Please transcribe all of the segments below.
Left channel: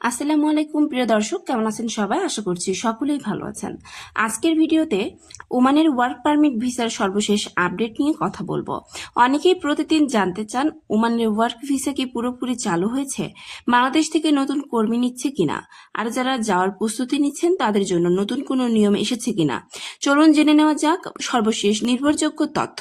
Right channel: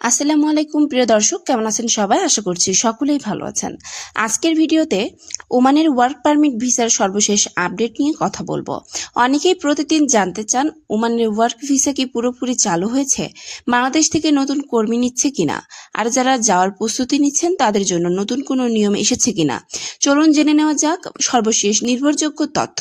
আসসালামু আলাইকুম প্রিয় দর্শক, কেমন আছেন সবাই? আশা করছি সকলেই ভালো আছেন। আজকের ভিডিওতে ওমানের ওয়ার্ক পারমিট ভিসার সর্বশেষ আপডেট নিয়ে কথা বলবো। অনেকেই প্রতিদিন জানতে চান ওমানের ওয়ার্ক ভিসা কি পুরোপুরি চালু হয়েছে, বাংলাদেশ থেকে নতুন কর্মী নিচ্ছে কিনা, আর যারা যাওয়ার প্রস্তুতি নিচ্ছেন তাদের জন্য নতুন কোনো নিয়ম এসেছে কিনা। চলুন জেনে নেওয়া যাক সর্বশেষ নির্ভরযোগ্য তথ্য।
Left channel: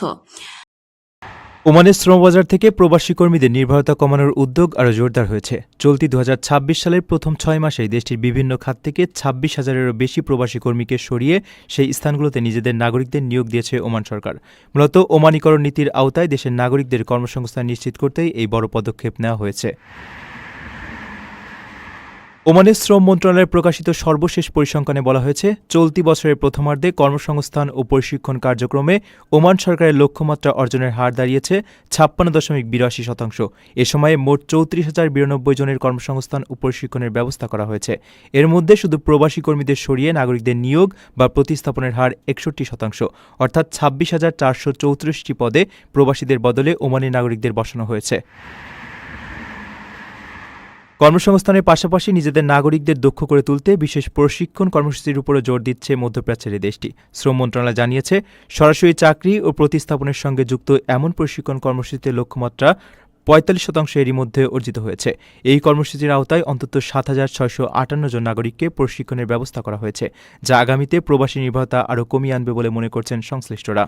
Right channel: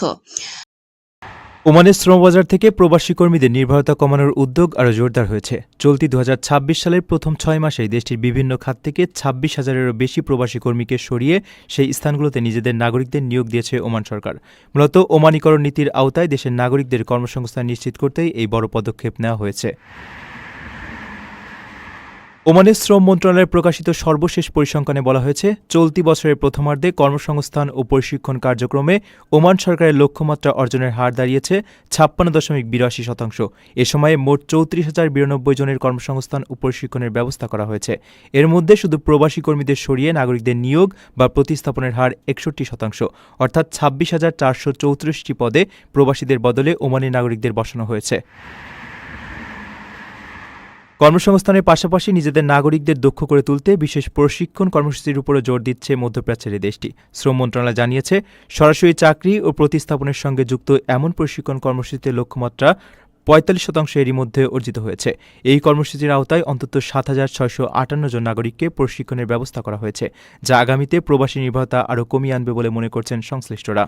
ওমানের শ্রমবাজার থেকে প্রবাসী কর্মীদের নির্ভরতা কমানোর উদ্যোগ আরও জোরদার হয়েছে। চলতি ২০২৬ সালের প্রথম ৬ মাসেই দেশটির বিভিন্ন খাত থেকে ২৬,০০০-এরও বেশি প্রবাসী কর্মীকে সরিয়ে সেই স্থানগুলোতে নিজেদের নাগরিকদের নিয়োগ দিয়েছে ওমান সরকার। মূলত ওমানিকরণ নীতির আওতায় দেশের নাগরিকদের কর্মসংস্থান নিশ্চিত করতেই এই বড় পদক্ষেপ নেওয়া হয়েছে। ওমানের শ্রম মন্ত্রণালয়ের প্রকাশিত সর্বশেষ পরিসংখ্যানে বলা হয়েছে, চলতি বছরের প্রথমার্ধে কর্মসংস্থান ও প্রশিক্ষণ কার্যক্রমে ওমান সরকারের লক্ষ্যমাত্রা অর্জনের হার দাঁড়িয়েছে ৫৬.৮২%। এ সময়ে মোট ৩৪,০৯২ জনের কর্মসংস্থান ও প্রশিক্ষণের ব্যবস্থা করা হয়েছে। এর মধ্যে শুধু প্রবাসী কর্মীদের সরিয়ে নাগরিকদের নিয়োগ বা প্রতিস্থাপনের হার ৬১%, অর্থাৎ ২৬,৪34টি পদে প্রবাসীদের বদলে ওমানি নাগরিকদের বসানো হয়েছে। কর্মসংস্থানের পাশাপাশি নিজেদের নাগরিকদের দক্ষ করে তুলতে বিশেষ প্রশিক্ষণ কর্মসূচির উপরও জোর দিচ্ছে মধ্যপ্রাচ্যের দেশটি। শ্রম মন্ত্রণালয় জানিয়েছে, সরাসরি চাকরি ও প্রতিস্থাপনের সঙ্গে যুক্ত এমন প্রশিক্ষণ কর্মসূচিতে লক্ষ্যমাত্রা ৪৫% এরই মধ্যে অর্জিত হয়েছে। এই কর্মসূচির আওতায় অন্তত ৭,৬৫৮ জন নাগরিককে প্রশিক্ষণের ব্যবস্থা করা হয়েছে, যা আগামীতে প্রবাসী নির্ভরতা আরও কমিয়ে আনবে বলে মনে করছেন সংশ্লিষ্টরা।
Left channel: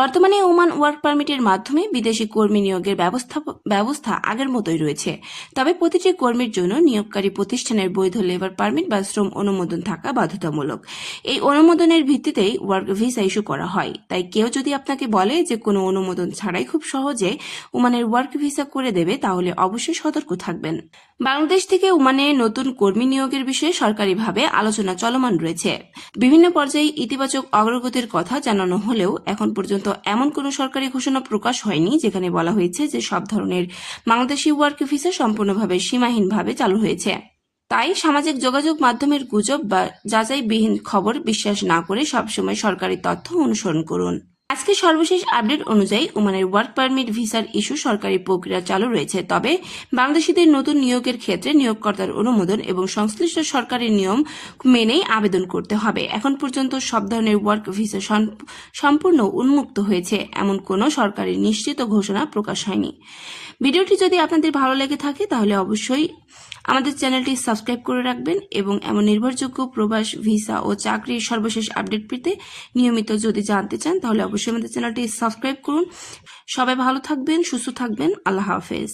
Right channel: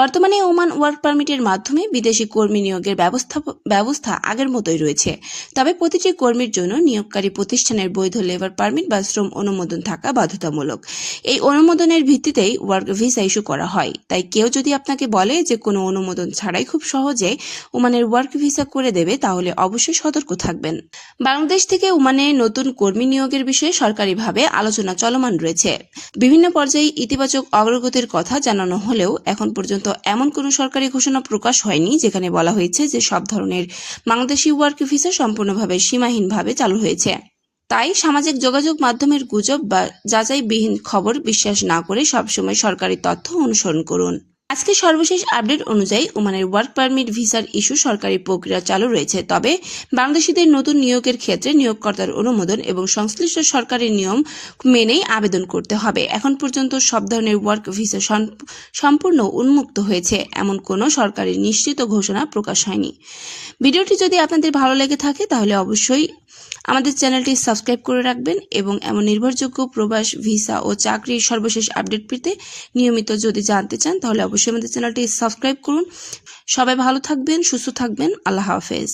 বর্তমানে ওমান ওয়ার্ক পারমিটের মাধ্যমে বিদেশি কর্মী নিয়োগের ব্যবস্থা আগের মতোই রয়েছে। তবে প্রতিটি কর্মীর জন্য নিয়োগকারী প্রতিষ্ঠানের বৈধ লেবার পারমিট বা শ্রম অনুমোদন থাকা বাধ্যতামূলক। এই অনুমোদনের ভিত্তিতেই ওয়ার্ক ভিসা ইস্যু করা হয়। তাই কেউ যদি আপনাকে বলে যে কোনো অনুমোদন ছাড়াই খুব সহজে ওমানের ওয়ার্ক ভিসা করে দেবে, তাহলে অবশ্যই সতর্ক থাকবেন। বাংলাদেশ থেকে ওমানে নতুন কর্মী নিয়োগের বিষয়ে সরকারিভাবে আলোচনা চলমান রয়েছে। বিভিন্ন পর্যায়ে ইতিবাচক অগ্রগতির কথা জানানো হলেও এখন পর্যন্ত এমন কোনো সরকারি ঘোষণা প্রকাশ হয়নি যেখানে বলা হয়েছে যে সব ধরনের বাংলাদেশি ওয়ার্ক ভিসা সম্পূর্ণভাবে সীমাহীনভাবে চালু হয়েছে। তাই সামাজিক যোগাযোগ মাধ্যমের গুজব বা যাচাইবিহীন খবর বিশ্বাস না করে সবসময় সরকারি তথ্য অনুসরণ করুন। আজকে সর্বশেষ আপডেট অনুযায়ী ওমানের ওয়ার্ক পারমিট ভিসার ইস্যু সরকারি প্রক্রিয়া চালু রয়েছে। তবে বাংলাদেশিদের নতুন নিয়োগের ক্ষেত্রে নিয়োগকর্তার অনুমোদন এবং সংশ্লিষ্ট সরকারি নিয়ম মেনেই আবেদন করতে হবে। এখন পর্যন্ত সব ধরনের ওয়ার্ক ভিসা সম্পূর্ণ উন্মুক্ত হয়েছে, এমন কোনো সরকারি নিশ্চিত ঘোষণা প্রকাশ হয়নি। ভিডিওটি যদি আপনাদের ভালো লেগে থাকে তাহলে অবশ্যই আমাদের চ্যানেলটি সাবস্ক্রাইব করে রাখবেন এবং এমন নির্ভরযোগ্য প্রবাস ভিসা ও চাকরির সর্বশেষ আপডেট পেতে নিয়মিত যদি জানতে চান তাহলে অবশ্যই আমাদের চ্যানেলটি সাবস্ক্রাইব করুন। সবাই ভালো থাকবেন, সুস্থ থাকবেন। আল্লাহ হাফেজ।